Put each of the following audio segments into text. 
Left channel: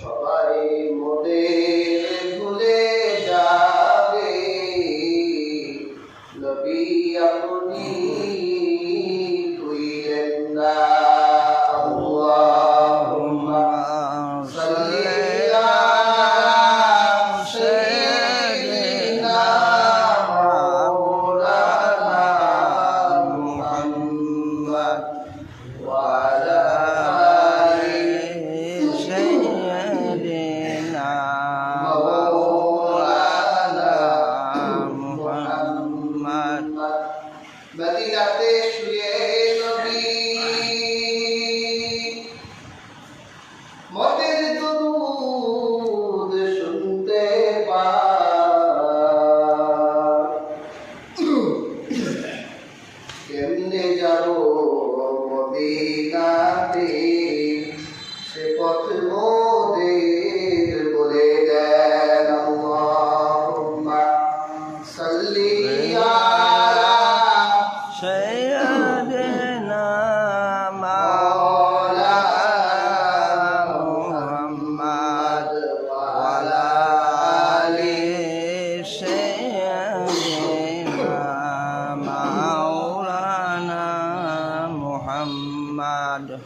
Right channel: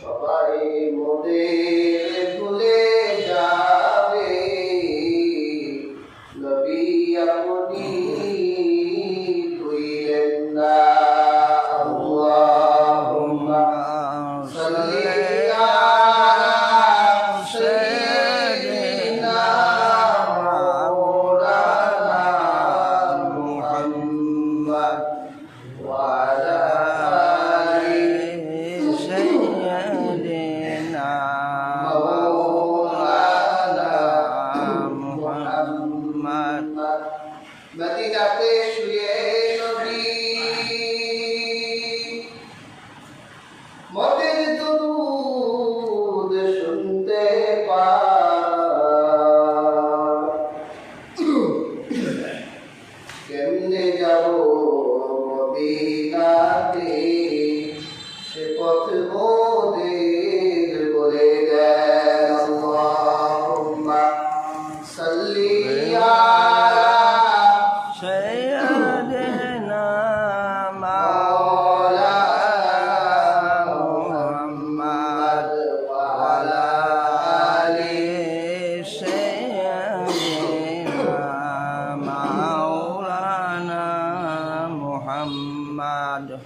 সবাই মোদের মদিনাতে শুয়ে নবী মতের দুরুদ শুনতে পায় কেমনে যাব মদিনাতে সে পথ মোদের مولانا محمد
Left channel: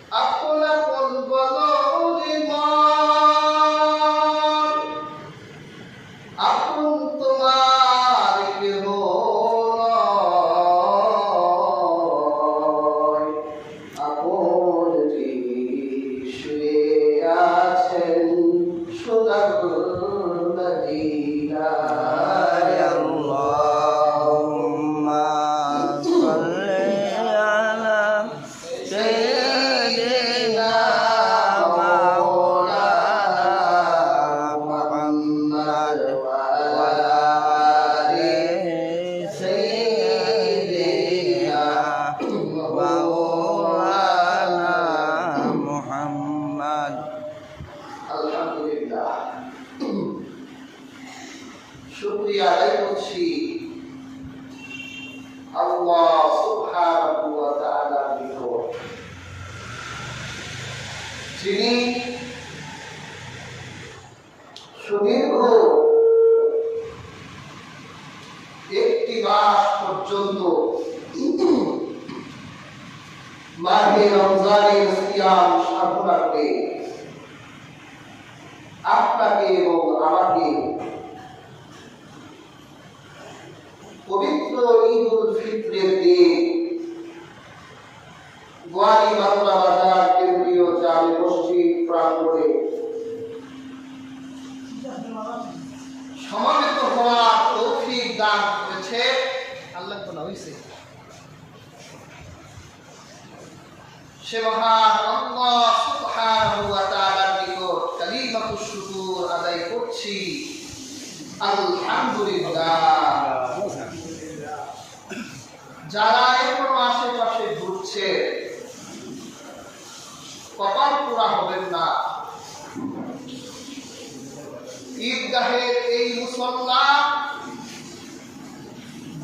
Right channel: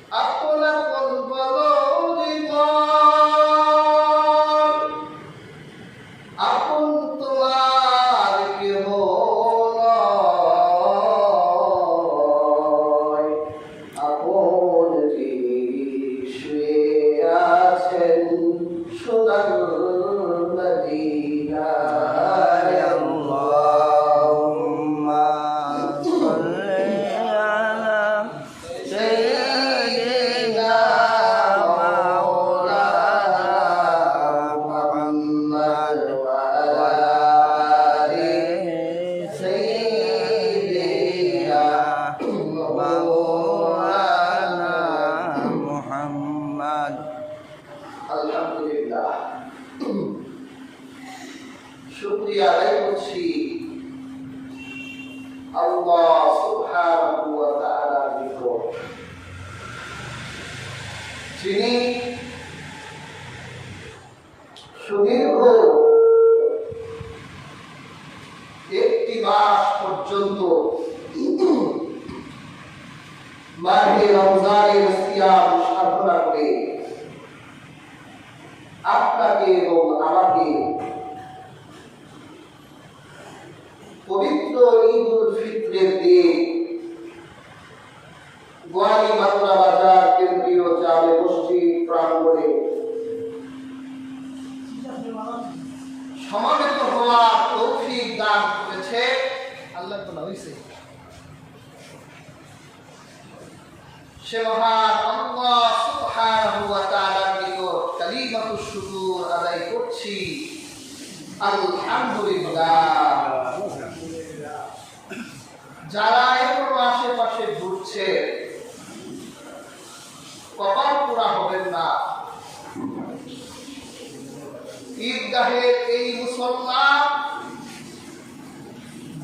আল্লাহ সুবহানাহু ওয়া তাআলার নিকট যিনি সুদীর্ঘ একটি মাস পর্যন্ত মাহে রমজানের সিয়াম সাধনা করে আপনাকে এবং আমাকে পবিত্র ঈদ উল ফিত্রের দিন। বাংলা বাজার কেন্দ্রীয় জামে মসজিদ প্রাঙ্গণে সমাবেত হওয়ার তৌফিক দান করেছে আল্লাহ বলা হয়েছে সে মহান আল্লাহ সুবহানাহু ওয়া তাআলার নিকট কালিমাতুশ শুকর আদায় করছি। আলহামদুলিল্লাহ। যারা এখনও আশেপাশে ঘুরছে, কপাল পোড়া হবেন না। ঈদগাহের এই মুসল্লা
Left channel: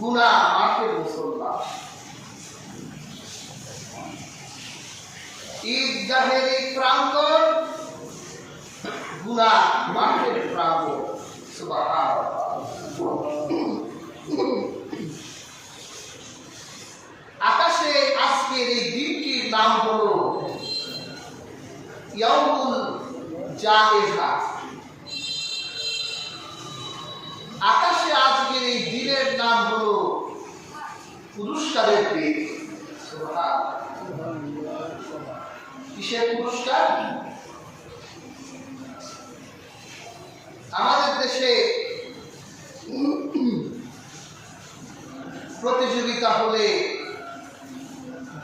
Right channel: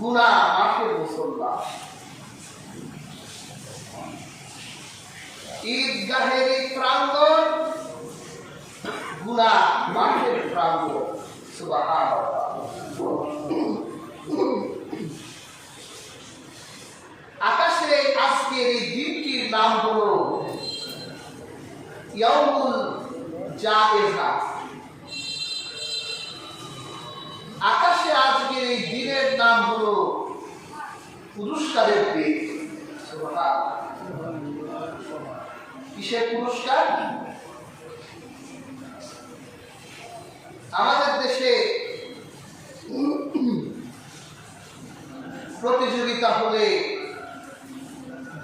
গুনা মাঠের মুসল্লা ঈদগাহের এই প্রাঙ্গণ গুনা মাঠের প্রাঙ্গণ। সুবহানাল্লাহ। আজকের এই দিনটির নাম হলো ইয়াউমুল জায়েজা। আকাশে আজকের এই দিনের নাম হলো পুরস্কারের দিন। কিসের পুরস্কার? আমাদের দেশে প্রতিযোগিতা হলে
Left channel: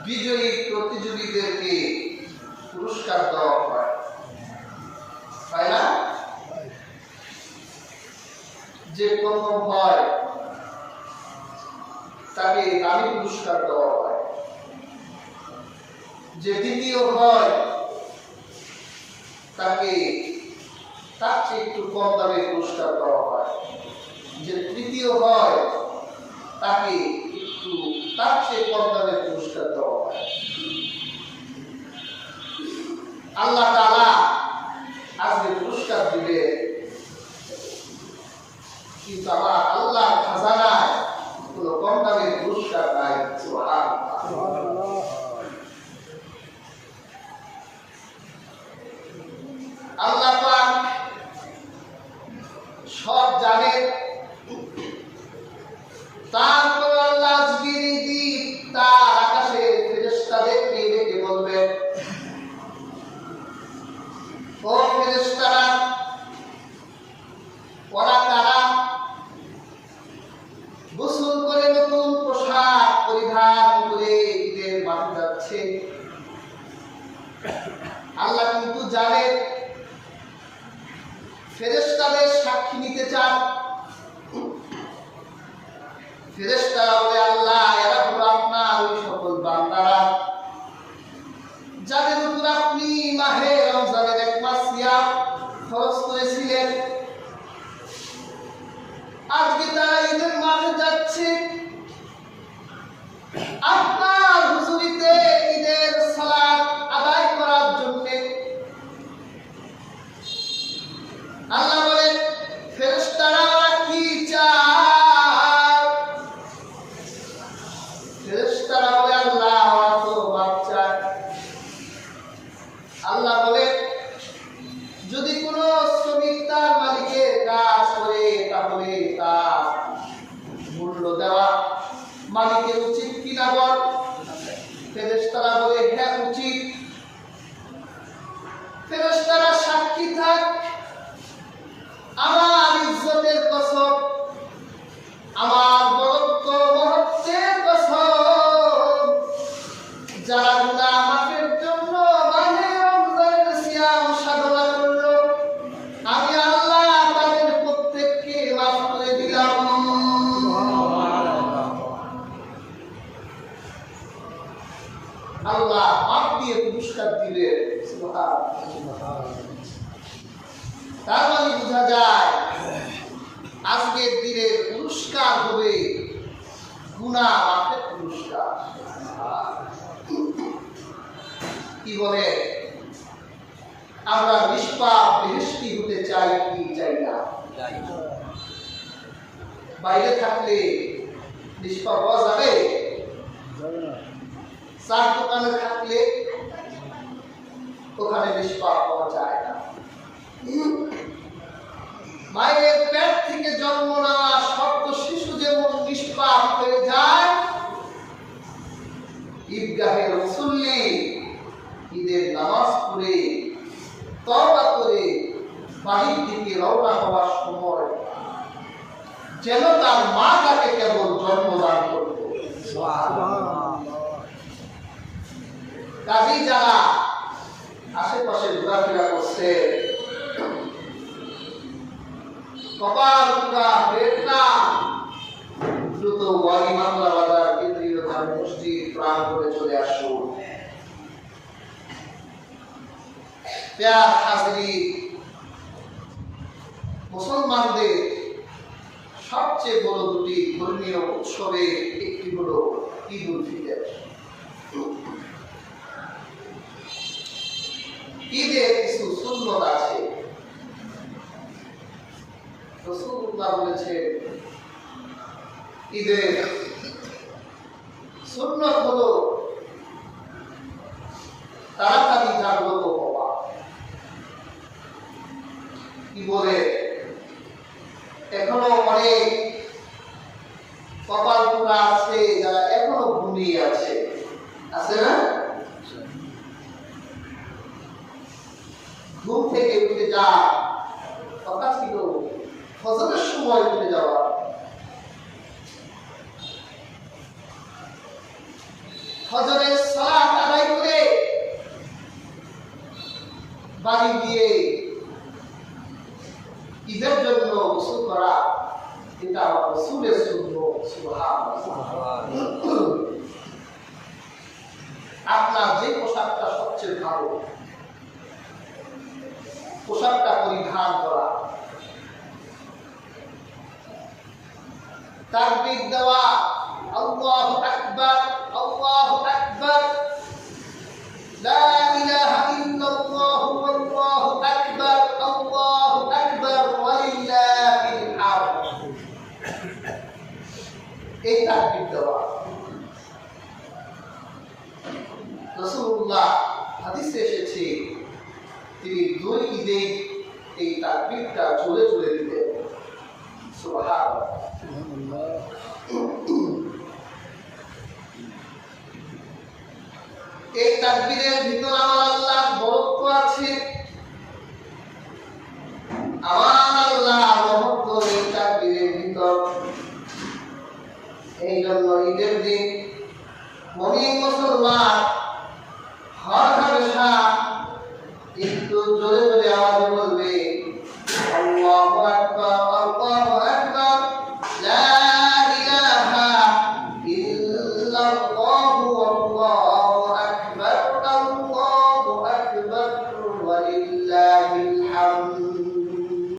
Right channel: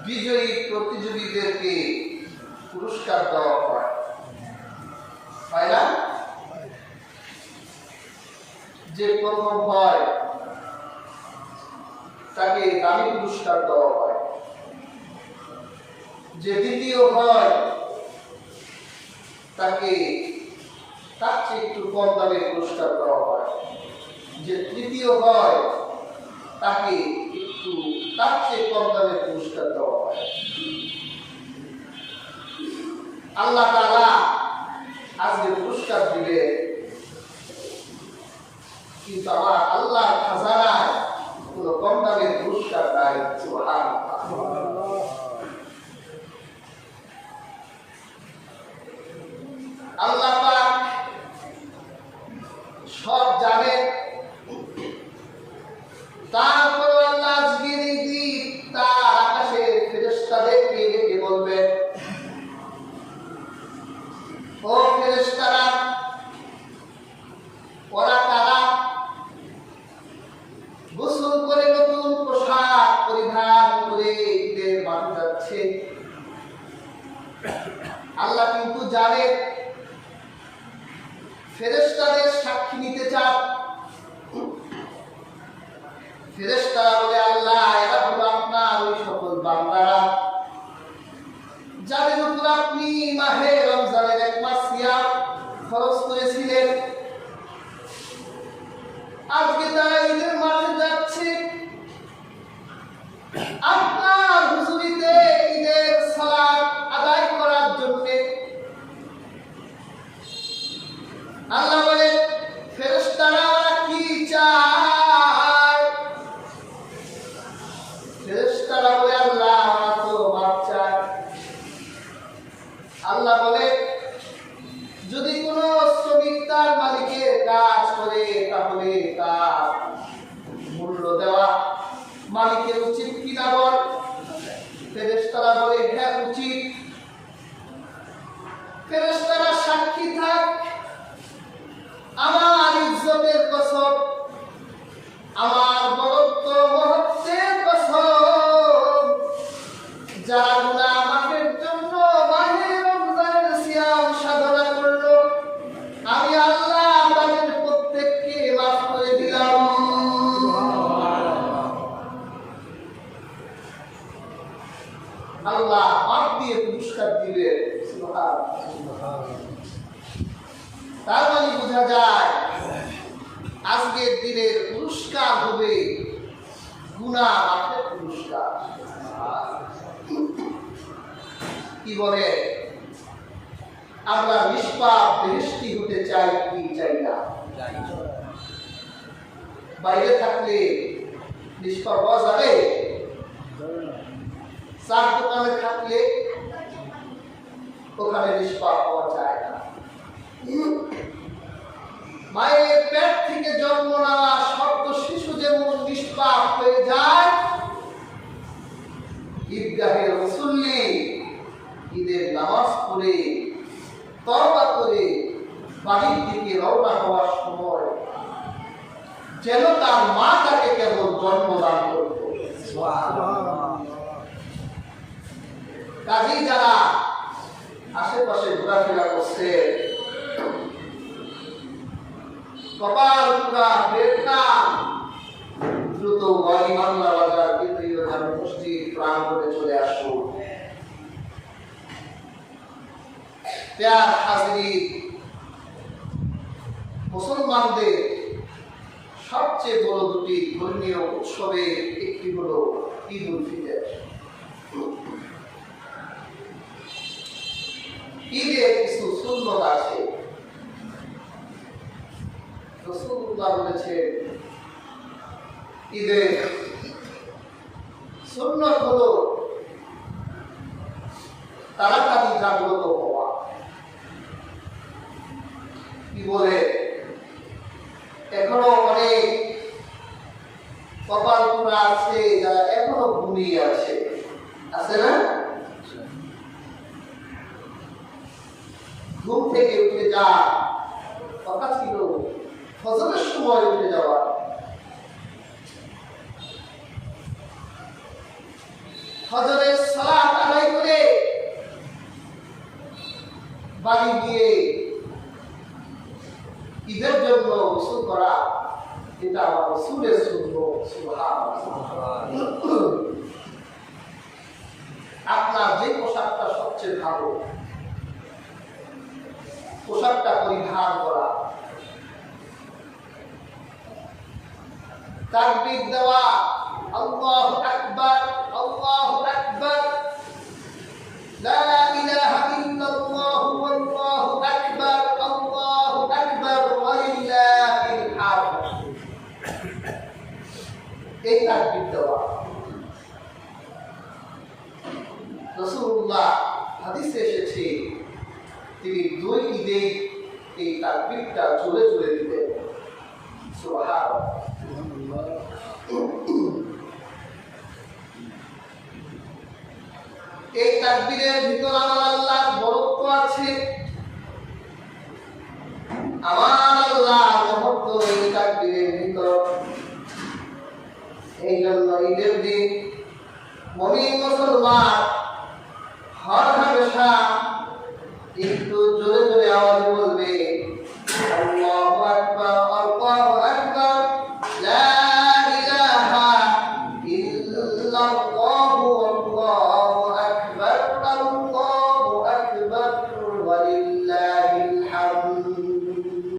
বিজয়ী প্রতিযোগীদেরকে পুরস্কার দেওয়া হয়। হয় না যে প্রথম হয়, তাকে দামি পুরস্কার দেওয়া হয়। যে দ্বিতীয় হয়, তাকে তার চেয়ে একটু কম দামে পুরস্কার দেওয়া হয়। যে তৃতীয় হয়, তাকে একটু তার কম দামে পুরস্কার দেওয়া হয়। আল্লাহ তারা আজকে পুরস্কার দিবে। কিন্তু আমার আল্লাহ খাজানায় কোনো কম দামের পুরস্কার নাই। সুবহানাল্লাহ। ও ফেরেশতারা, ওরা তারা গোসল করে নতুন পোশাক পরিধান করে ঈদের মাঠে যাচ্ছে। আল্লাহ কিন্তু জানেন ফেরেশতাদের সাক্ষী নিতে চান। ফেরেশতারা বলে, আল্লাহ, এরা হলো আপনার ওই সকল বান্দারা। যাদের উপর আপনি মাহে রমজানের এক মাস সিয়াম খরচ করেছিলেন আজকে আল্লাহ বলে আল্লাহ বলে যদি কোনো শ্রমিক তার মালিকের কাজ করে তাহলে তার মূল্য দেওয়া মালিকের উচিত কিনা বল? ফেরেস্তারা বলে হ্যাঁ উচিত। ফেরেস্তারা সাক্ষী থাক। আমার ইজ্জতের কসম, আমার বরত্ব, মহত্বের কসম, যারা তার মানে বোঝা যায়, আজকের দিনের পুরস্কার হবে গুণা মাফের পুরস্কার। কি বলে? আমরা নিষ্পাপ বেহেস্তি হতে চাই কি চাই না? বাইরে থাকলে নিষ্পাপ হওয়া যাবে। চার দোকানে থাকলে ওখানে নিষ্পাপ হওয়া যায় না। মায়ের পেট থেকে জন্ম নেওয়া শব্দ শিশু যেমন নিষ্পাপ হয়ে যায়। ঈদগাহের মুসল্লি ঈদের নামাজ পড়ে, তওবা করে বাড়ির দিকে রওনা হওয়ার সময় যেন তার মা তাকে কেবল জন্মদান করত। কাজেই যারা আশেপাশে ঘোরাফেরা করছে। কপাল পুরা বেটনা দ্রুত ওয়ালি বাংলা বাজার কেন্দ্রীয় জামে মসজিদ প্রাঙ্গণে চলে আসুন হাজিরি, মুসলমানদের সবচেয়ে বড় দুটি ধর্মীয় উৎসবের একটি হল ঈদ উল ফিতর। ঈদের কিছু সুন্নত আছে। রসুল্লাহ বলেছে ঈদের সুন্নত হলো তাড়াতাড়ি জাগ্রত হওয়া। কি বলে এখনও অনেক কপাল পোড়া আছে যারা এখনও ঘুমিয়ে আছে আছে না ঘুম থেকে উঠে যা কথা ছিল ফজরের সময় উঠে যাওয়া। ফজরের সালাত আদায় করে বাড়ি গিয়ে ঈদের জন্য গোসল করা, এটা আমার রসুলের শূন্য আপনার যে পোশাকটা সবচেয়ে ভালো, পোশাকটা পরিধান করা تربي الدواء. الله أكبر. الله أكبر. لا إله إلا الله والله أكبر. الله أكبر. ولله الحمد. إيه تربي الدواء؟ এই তাকবীরের ভিতর আমার আল্লাহ বরত্ব আছে। আমার আল্লাহ মহত্ব এই তাকবীরের ভিতর। এই জন্য ঈদের দিন মমিন মুসলমান হর হামেশা একটু